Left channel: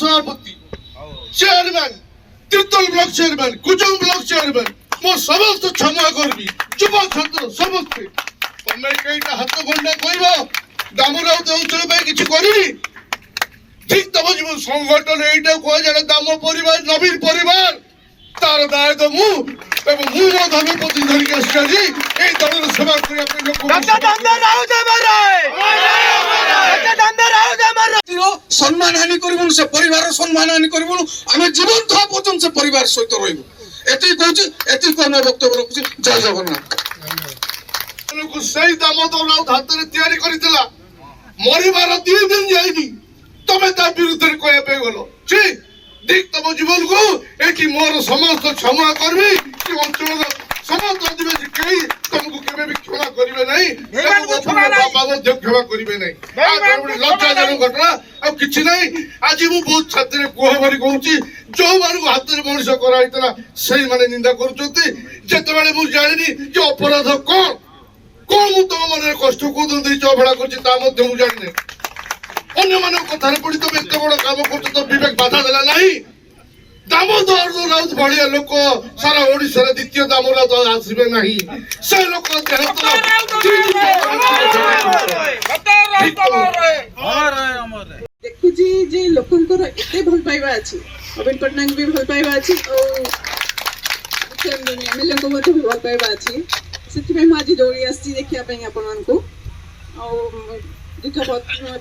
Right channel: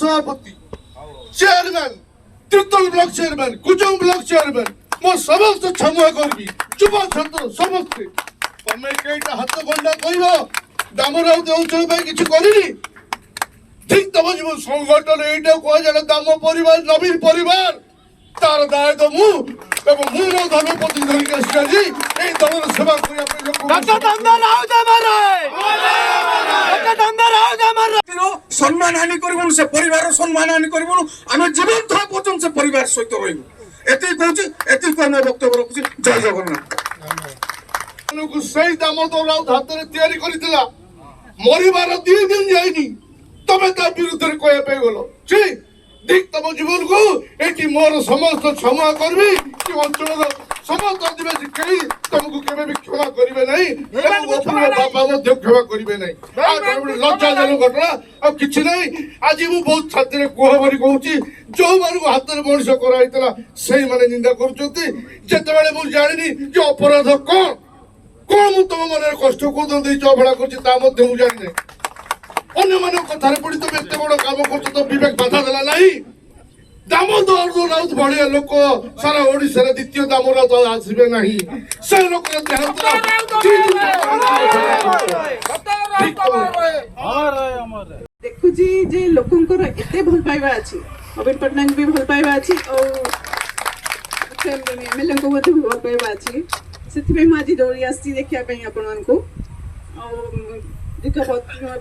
सभापति chairman Tirtol block chairman Kujang block chairman मो समस्त क्षमा करबी युव छात्र समस्ते तमे केटा हाथ गंडा कहबो दामराव अंचल पे किछि करिनी ठीक तब जीव संगठन एटा को जण दाम परिवार नवीन परिवार तार दाय तो मु एवं मु मो धर्म पति धरि के आसी ए दलर सेवा करिया पे लोक सम्मान हानि करबुन से परिवार सम्मान हानि करबुन आमे जीवन था पर्यंत से परिवार सहित रहिबु एति कहूची एति को मैं वक्तव्य रखुची जय जगन्नाथ लोक सही दामोदर राउत हाथ रे तैयारी करितला मरिबार 2 दिन जाइनी तमे ता विरुद्ध रे कहया पे गलो छी देख तम जीवन को एटी मोर समस्त क्षमा करबी कि अंचल समस्त आदिवासी कई तुमको केबे भी क्षमा करिवे नहीं तम गोपुर बाबा मध्य क्षमा करिवे नहीं आ लज्जाजनक घटना अब किछि नहीं आज मु बहुत छात्र कोह भरी कहूची जो मानु हाथ रे मनुष्य कराइतला सही माने निंदा करूचंती जेते बेले मु जानिनी जे अपराध कोन मु तम मन कष्ट को दे चबड़ा करछि ता मध्य मु जानिने अन्य मानव कथार पड़ी तुम एत बड़ काम कर तो विवेक बाधा देला नहीं दामोदर राउत भाया लोक सारा ओडिशा द्वितीय दामोदर राउत आसबे नहीं से लोक देखुची जे लोकंकर एते भल पाइबा अछि नवीन पटनायक भी भल पाइबा अछि और एमएलए को मते भल पाइबा अछि सेति माजी दौड़ी आसी देखिया पे आपन को और दीर्घ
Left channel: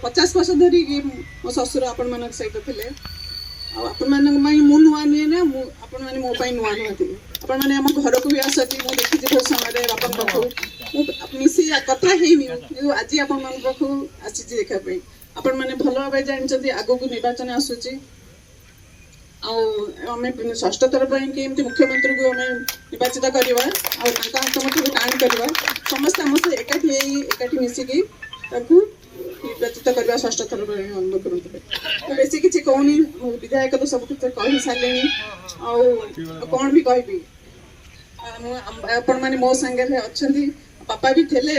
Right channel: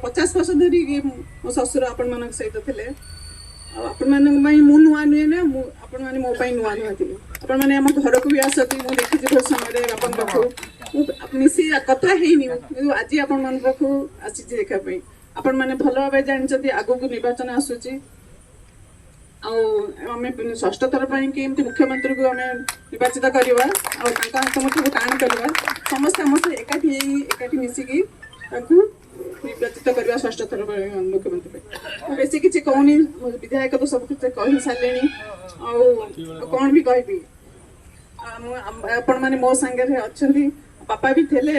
50 वर्ष धरी मो ससुर आपण मानक सहित थिले आपण मानक मई मु नुआ नुए ना आपण माने मो पई नुआ नुआ थिले आपण माने हम घर को भी आसती मो देखि जे बहुत समय रे आपण पाखु मिसी कथा हेनी आज आपण मान पाखु आसी जे देखा पई आपण माने भलो भाबे जानि आगो को निर्वाचन आसुची आमे षष्ठ थर पई कि एमती मुख्यमंत्री को आमे निर्वाचित करबा और ताका हाथ मत कान करबा समस्त हमसे एकाठी मिसी की ताकू निर्वाचित करबा षष्ठ थर पई मुख्यमंत्री बेसी किछि कहनी विधायक तो सब कुछ कहि सालेनी आ कोन भी कहबी आपण माने मो संगे रे अछंती पापा भी थेले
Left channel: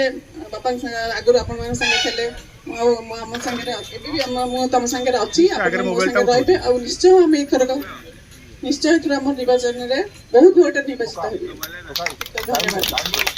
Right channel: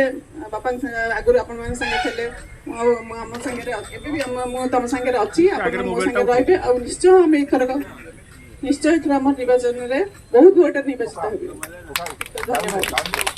पापा आगुर आपण माने संगे थेले हम संगे रे एबे भी हम मो तम संगे रे अछि आपण मो संगे रहबे आ निश्चय हम एखर निश्चय हम निर्वाचन रे बहुत वोटर निर्वाचित होबे।